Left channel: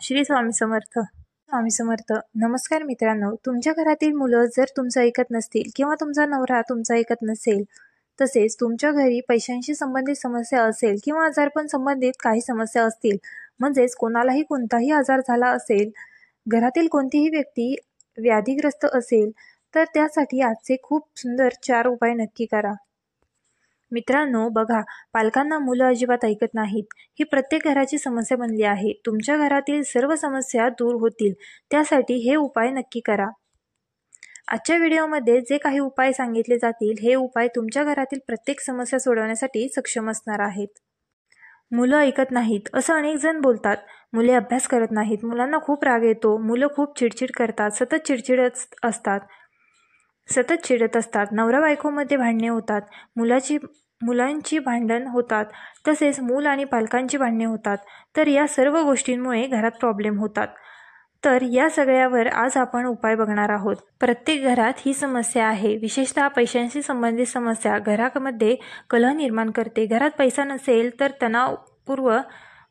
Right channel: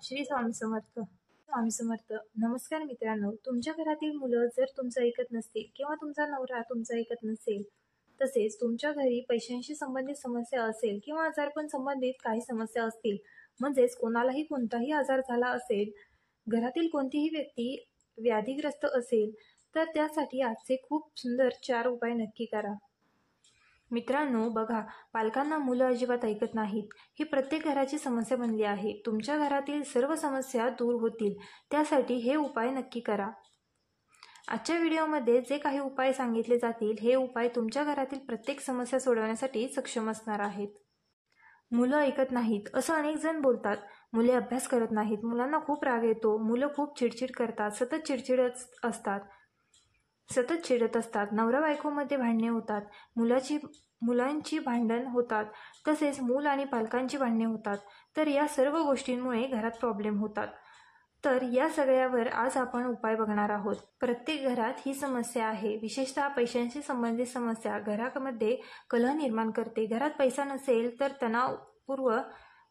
श्री स्वामी समर्थ. स्वामी समर्थ. नमस्कार मित्रांनो, तुमच्या घरातील मुलं जर तुमचं ऐकत नसतील किंवा तुमचा नवरा तुमचं ऐकत नसेल, तसेच तुमच्या घरी पैशांशी संबंधित समस्या असेल किंवा आजारपण संबंधित काही समस्या असतील, म्हणजेच कोणालाही कोणताही आजार झाला असेल, घरातील कोणतीही व्यक्ती व्याधीग्रस्त असेल, तर त्यासाठी आजचे खूप सुंदर 4 उपाय नक्की करा. मित्रांनो बघा, पालकांना मुलं अजिबात ऐकत नाहीत, ही प्रत्येक घराची समस्या बनली आहे. तुमच्या घरातील सर्व समस्या दूर होतील, त्यासाठी हे उपाय नक्की करा. आजच्या व्हिडिओमध्ये जे काही उपाय सांगितले जातील, हे उपाय तुमच्या घरातील प्रत्येक समस्या सोडवण्यासाठी सक्षम असणार आहेत. मुलं ऐकत नाहीत असं अनेक जण बोलतात. मुले अभ्यास करत नाहीत, मुलांना खूप राग येतो, मुलं खूप चिडचिड करतात, सतत चिडत असतात, नवरा बायकोमध्ये भांडणे होतात, मुलांची भांडण होतात, तसेच मूल आणि पालकांची भांडणे होतात. तर या सर्व गोष्टींमुळे घरात प्रॉब्लेम होतात. तर या सगळ्यावर आज आपण उपाय बघणार आहोत. प्रत्येक घरात ही समस्या आहे. विशेषतः पैशांशी संबंधित समस्या घरामध्ये कलह निर्माण करते. घरात पैसा नसेल तर तणावपूर्ण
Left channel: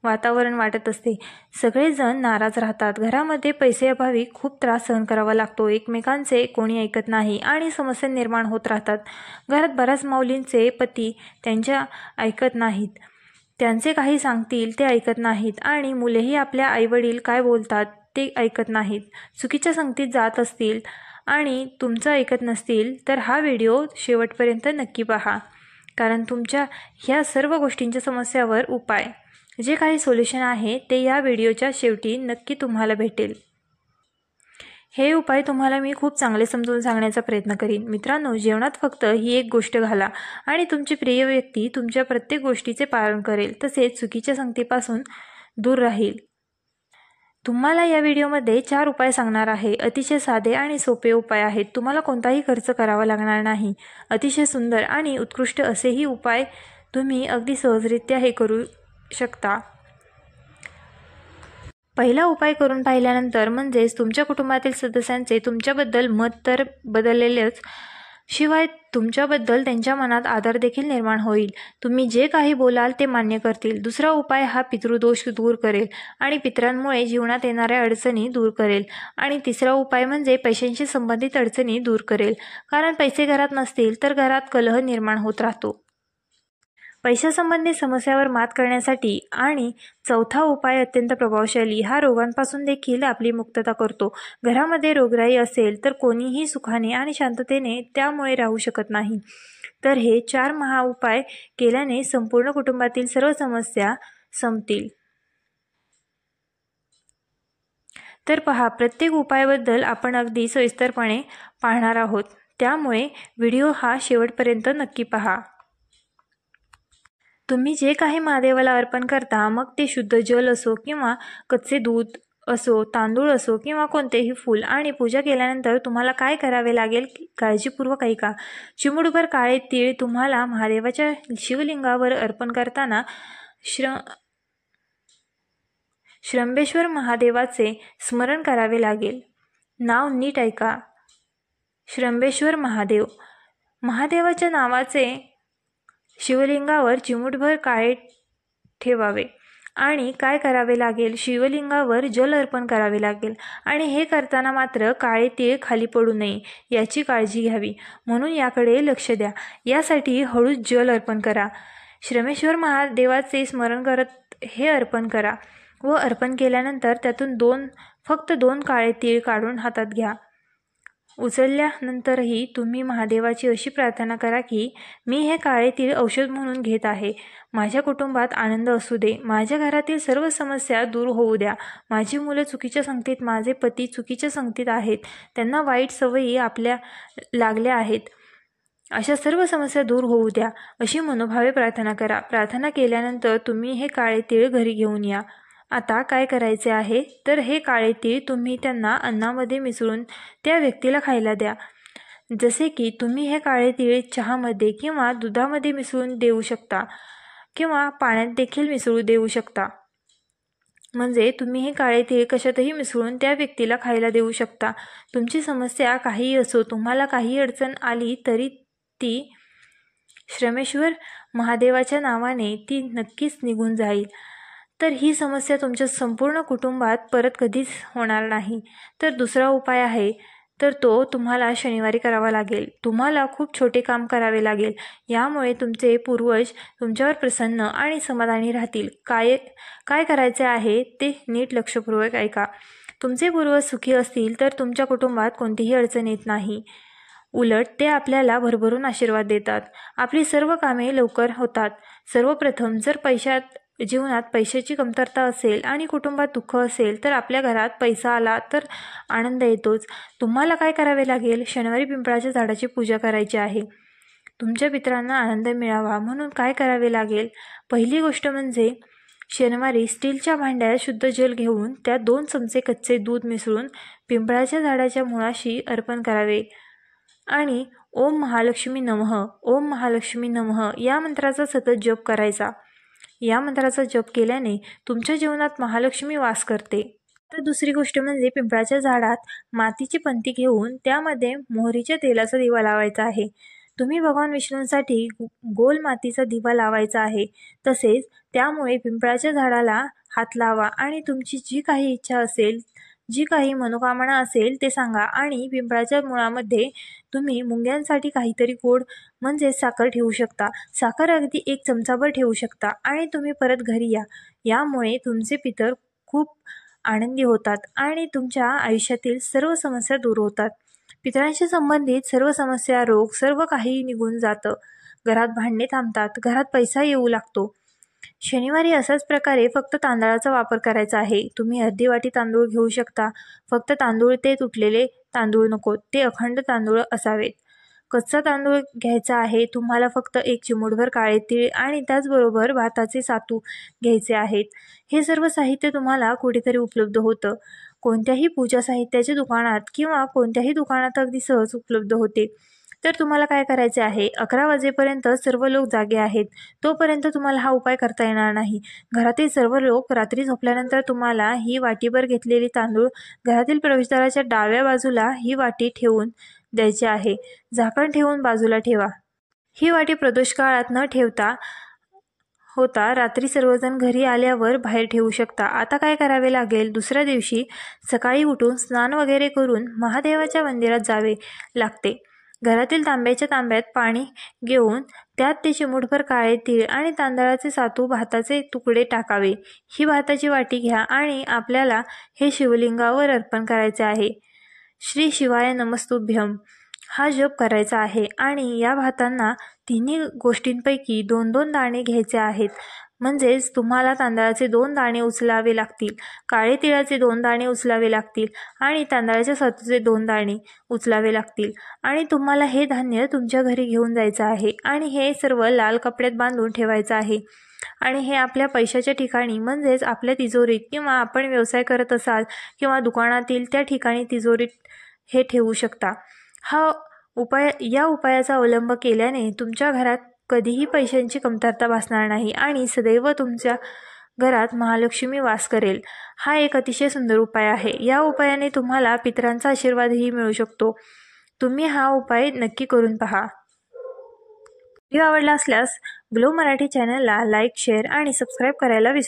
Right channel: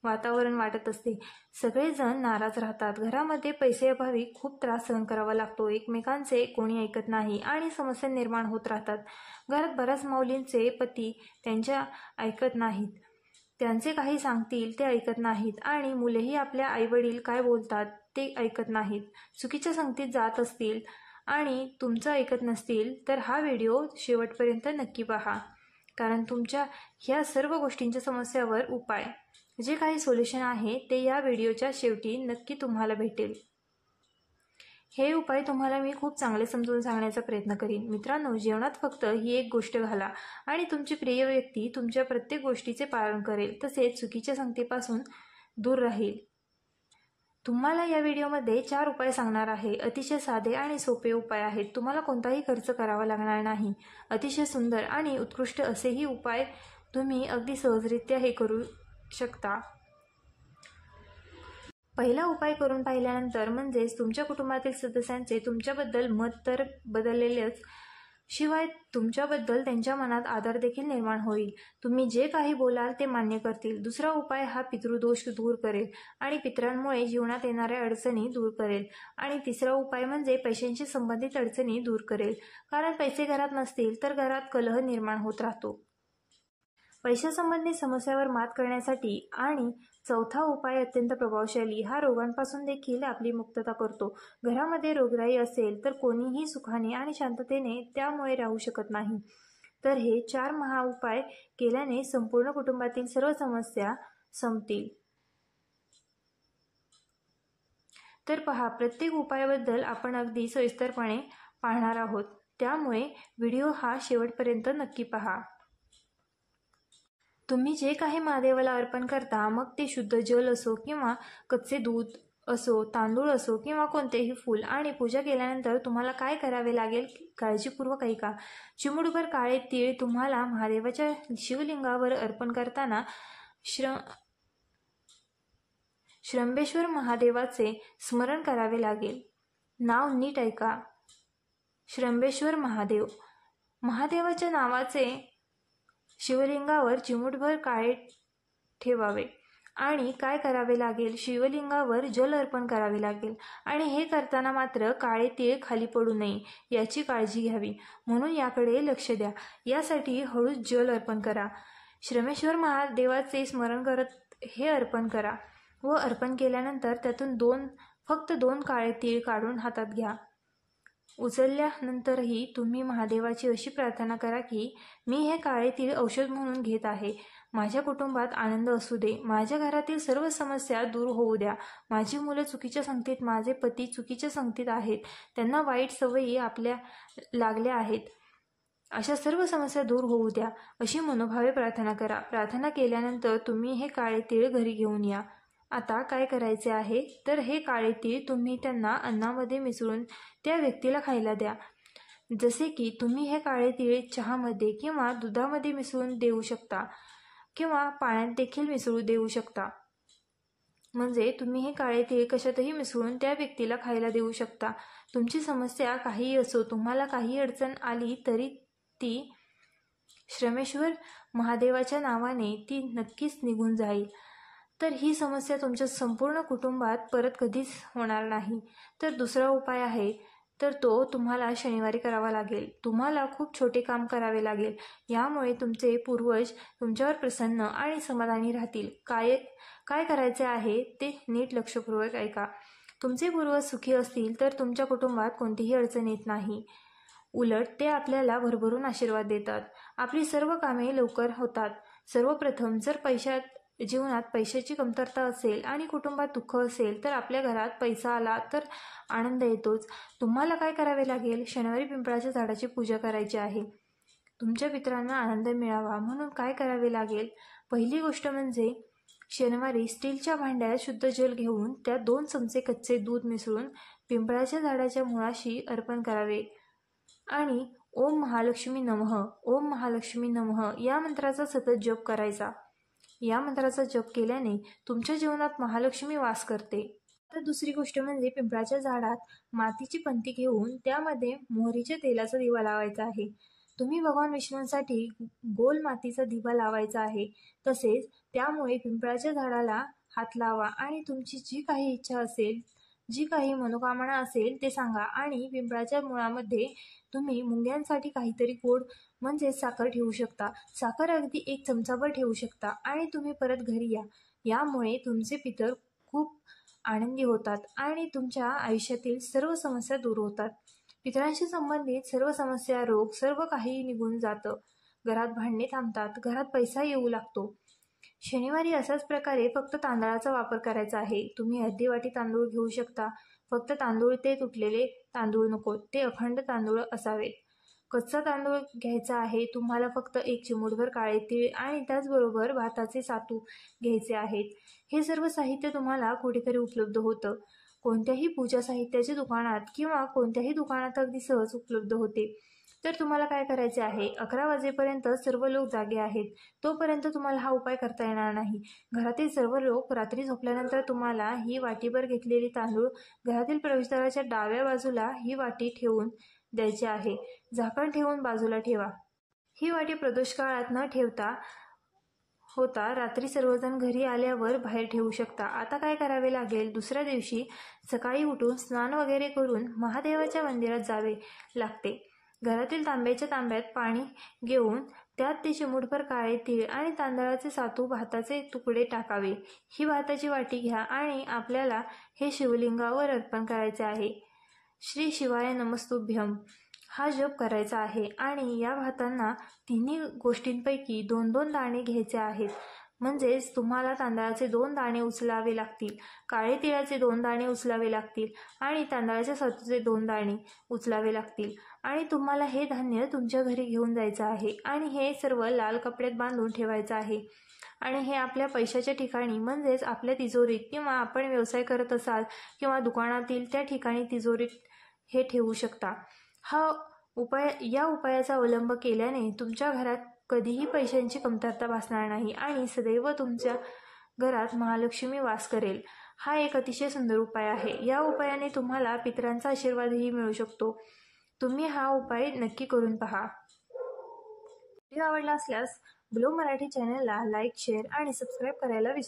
वातावरण वाटत असते. सगळेजण नाराज राहतात. घरामध्ये पैसेअभावी खूप त्रास सहन करावा लागतो. एकमेकांचे कोणी ऐकत नाही आणि समस्या निर्माण होत राहतात. घरात बऱ्याच माऊलींचे पती त्यांच्या ऐकत नाहीत. त्यांचे काही सांगतील ते ऐकत नाहीत आणि मुलेही आपल्या आईवडील काय बोलतात ते ऐकत नाहीत. चुकीच्या संगतीत जात असतील आणि तुमचं ऐकत नसतील तर हा व्हिडिओ शेवटपर्यंत नक्की पहा, कारण तुमच्या ह्या सर्व गोष्टींच्या समस्यावर उपाय, जे काही सोल्युशन आहे ते या व्हिडिओच्या शेवटी नक्की तुम्हाला भेटेल. हे उपाय तुम्हाला मी खूप चांगले समजून सांगण्याचा प्रयत्न करीन. मित्रांनो, जेवणात फक्त ही एक गोष्ट घाला आणि तुमची प्रिय व्यक्ती तुमच्या प्रत्येक गोष्टीचे पालन करेल, तसेच चुकीच्या संगतीपासून दूर राहील. तुम्हाला या व्हिडिओमध्ये 4 उपाय सांगणार आहे. अतिशय साधे आणि सोपे उपाय आहेत. तुम्हाला कोणताही खर्च करावा लागणार नाही. अतिशय सुंदर आणि उत्कृष्ट असेही उपाय तुम्ही अगदी सहजरित्या हे करू शकता. पहिला उपाय करून पाहिल्यानंतर म्हणजेच तुमच्या कुटुंबातील सदस्यांचे तुमच्याबद्दल मत तर बदललेलंच, शिवाय तुमच्याबद्दल त्यांच्या मनात आदर देखील निर्माण होईल. तुम्ही जे काही बोलाल ते मान्य करतील. दुसरा उपाय हा पितृदोष दूर करेल आणि पितरांमुळे जीवनात येणाऱ्या अडचणी दूर करेल. आणि तिसरा उपाय म्हणजे पैशांशी संबंधित अडचणी दूर करेल, कारण पैसे घरात नसतील तर घरात कलह निर्माण होत राहतो. पैशासंबंधी समस्यावर मात करण्यासाठी आणि चौथा उपाय अत्यंत प्रभावशाली, हा रोगांपासून देखील आपली मुक्तता करतो. घरामध्ये रोगराई असेल तर कोणीही सुखाने आणि शांततेने त्यामुळे राहू शकत नाही. तर हे 4 महाउपाय केल्याने संपूर्ण कुटुंबातील सर्व समस्या संपतील. तर पहा, प्रत्येक उपायाबद्दल आपण अगदी सविस्तरपणे पाहणार आहोत, त्यामुळे व्हिडिओ हा शेवटपर्यंत नक्की पहा. तुम्ही जे काही महादेवाला अर्पण करता, मग ते शुद्ध जल असो किंवा कच्चे दूध असो, तांदूळ असो किंवा कोणतेही फूल, आणि पूजा केल्यानंतर तुम्हाला काय करावे लागेल काळजीपूर्वक ऐका. चिमूटभर काळे तीळ तुम्हाला महादेवाच्या शिवलिंगावर अर्पण करताना श्रंबेश्वर महादेवाचे स्मरण करावे लागेल. नाव नीट ऐका. श्रंबेश्वर महादेव. महादेवाच्या नावाचे शिवलिंगावर चिमूटभर काळे ठेवावे आणि काय करावे लागेल, शिवलिंगावर जल अर्पण करावे लागेल. आणि हे करताना मात्र काळे तीळ खाली पडू नये याची काळजी घ्यावी, म्हणून याकडे लक्ष द्या. यासाठी हळूच जल अर्पण करा. श्रमेश्वर महादेवाचे स्मरण करत हे अर्पण करा व अर्पण केल्यानंतर त्यातून फक्त 2 काळे तीळ काढून हातात घ्या. उचलल्यानंतरही तुम्ही महादेवाची अशी प्रार्थना करा की मी हे काळे तीळ औषध म्हणून घेत आहे. माझ्या कुटुंबात आनंद असू दे. माझ्या घरातील सर्व समस्या दूर होऊ द्या. माझी मुलं चुकीच्या संगतीत, माझे पती चुकीच्या संगतीत आहेत, त्यांना वाईट सवयी आपल्या लागल्या आहेत, अशा सर्व समस्या दूर होऊ द्या, अशी मनोभावे प्रार्थना करा. प्रार्थना केल्यानंतर तुम्ही हे काळे तीळ घरी घेऊन या. आता काय करायचे आहे तर हे काळे तीळ तुम्ही त्यांना अन्नामध्ये मिसळून त्या व्यक्तीला खायला द्या. जसे की तुम्ही हे काळे तीळ चहामध्ये किंवा दुधामध्ये मिसळून देऊ शकता किंवा पाण्यात देखील मिसळू देऊ शकता. म्हणजे तुम्ही हे काळे तीळ कशातही मिसळून त्या व्यक्तीला खायला देऊ शकता. तुमची समस्या काहीही असो, तुम्हाला काही अडचण आली तरी ती श्रमेश्वर महादेवाच्या नावाने ती नक्कीच निघून जाईल. तर ही समस्या तुमच्या संपूर्ण कुटुंबात परत कधीच होणार नाही. तर दुसरा उपाय आहे, तर तो तुम्हाला शनिवारी करावा लागेल. तुम्हाला खूप छोटे काम करावे लागेल. यामुळे तुमचे पूर्वज तुमच्यावर प्रसन्न आणि समाधानी राहतील. काय काय करायचे आहे ते नीट लक्षपूर्वक ऐका. तुमचे पूर्वज सुखी असतील तर तुमच्या कुटुंबात कोणतीही अडचण येत नाही. उलट ते आपल्याला भरभरून आशीर्वाद देतात. आपली सर्व कामे लवकर होतात. सर्वप्रथम जर जीवनात पैशाची कमतरता असेल आणि कुटुंबात दुःख असेल तर आपल्या घरात पैसा आला तर आनंद येतोच. तुम्हाला काय करावे लागेल? शनिवारी पिंपळाच्या झाडाची पूजा करायची आहे. तुमच्या पितरांना आनंद मिळावा म्हणून काय करावे लागेल? पहिली गोष्ट म्हणजे शनिवारी स्टीलच्या भांड्यात शुद्ध जल घेऊन त्यात 2 चमचे कच्चे दूध मिसळून पिंपळाच्या झाडाच्या मुळाशी अर्पण करावे आणि ओम महालक्ष्मी नमः, ओम महालक्ष्मी नमः या मंत्राचा सतत जप करायचा. या मंत्राचा जप केल्याने तुमच्या जीवनात महालक्ष्मी वास करते. तर दुसरी गोष्ट म्हणजे पिंपळाच्या झाडात मातीची पंती घेऊन त्यामध्ये मोहरीच्या तेलाचा दिवा लावायचा आहे. तुम्ही भगवान विष्णूंसाठी गोल मातीचा दिवा लावायचा आहे. तसेच त्यामुळे पिंपळाच्या झाडाला हात लावा आणि तुमची जी काही इच्छा असेल, जी काही मनोकामना असेल ते सांगा आणि पिंपळाच्या मुळामध्ये तुम्ही मुंग्यांसाठी काहीतरी गोड म्हणजे साखर ठेवू शकता. साखर अगदी 1 चमचाभर ठेवू शकता आणि तुम्ही परत घरी या. यामुळे तुमचे पितर खूप आनंदी होतात आणि तुमच्या आयुष्यातील सर्व समस्या दूर होतात. पितरांशी संबंधित सर्व समस्या, रोग सर्व काही निघून जातं. घरात भांडणे थांबतात, घरात पैसा येऊ लागतो. शनिवारी असाच प्रकारे फक्त तांदळाचा वापर करायचा आहे. तुम्ही अर्धी वाटी तांदूळ घेऊ शकता. फक्त तांदूळ ते तुटलेले तांदूळ नको, ते अखंड तांदूळ असावेत. कच्चा तांदूळ घ्यायचा आहे. तुम्हाला फक्त 1 चिमूटभर काळे तीळ आणि त्याचबरोबर भाताचे सातू घ्यायचे आहेत. हे सर्व साहित्य तुम्हाला कुठेतरी उपलब्ध होतं. कोणत्याही पूजा साहित्याच्या दुकानात किंवा कोणत्याही दुकानात अगदी सहज उपलब्ध होते. तर तुम्हाला काय करायचे आहे? 11 वाजेपर्यंत सर्व लोक जागे आहेत. तोपर्यंत तुम्हाला हा उपाय करता येणार नाही. घरातील सर्व लोक रात्री झोपल्यानंतर तुम्हाला ही वाटीभर घेतलेली तांदूळ घरातील प्रवेशद्वाराच्या डाव्या बाजूला ही वाटी ठेवून द्यायचे आहे. झाकण ठेवून बाजूला ठेवा. ही वाटी प्रदोष काळात न ठेवता रात्री सर्वजण घरी आल्यावर बाहेर ठेवू शकता. आता काय करावे लागेल? दुसऱ्या दिवशी सकाळी उठून स्नान वगैरे करून महादेवाच्या मंदिरात जावे लागते. घरातील तांब्याच्या तांब्यात पाणी घेऊन त्यात ते चिमूटभर काळे तीळ आणि तांदळाचे सातू, भाताचे तुकडे टाकावे. ही भाताची वाटी घ्या आणि आपल्याला हे शिवलिंगावर अर्पण करायचे आहे. श्री शिवाय नमस्तुभ्यम हा जप करायचा आहे आणि या भातांना तिन्ही गोष्टींपैकी 2-2 दाणे घ्यायचे आहेत. म्हणजेच तुम्हाला तांदळाचे 2 दाणे उचलावे लागतील, काळे तिळाचे 2 दाणे उचलावे लागतील आणि तांदळाच्या सातूचे 2 दाणे उचलावे लागतील आणि तुम्हाला हे धान्य तुमच्या घरी घेऊन जायचं आहे आणि हे सर्व लाल कपड्यात बांधून ठेवायचं आहे आणि हे आपल्या पैशाच्या ठिकाणी म्हणजेच आपल्या तिजोरीत किंवा आपण व्यवसाय करत असाल किंवा दुकानातील त्या ठिकाणी तिजोरीत हे ठेवू शकता. या उपायाचा अवलंब केल्याने तुमच्या घरात कधीही पैशांची कमतरता भासणार नाही आणि सदैव तुमच्या घरात महालक्ष्मी वास करेल. हा एक अतिशय सुंदर उपाय आहे. या उपायाने तुम्हाला पितरांचा आशीर्वादही मिळू शकतो. तुम्ही हा उपाय नक्की करून पहा. व्हिडिओ आवडला असल्यास ग्लो मराठी चॅनलला लाईक, शेअर आणि सबस्क्राईब करायला विसरू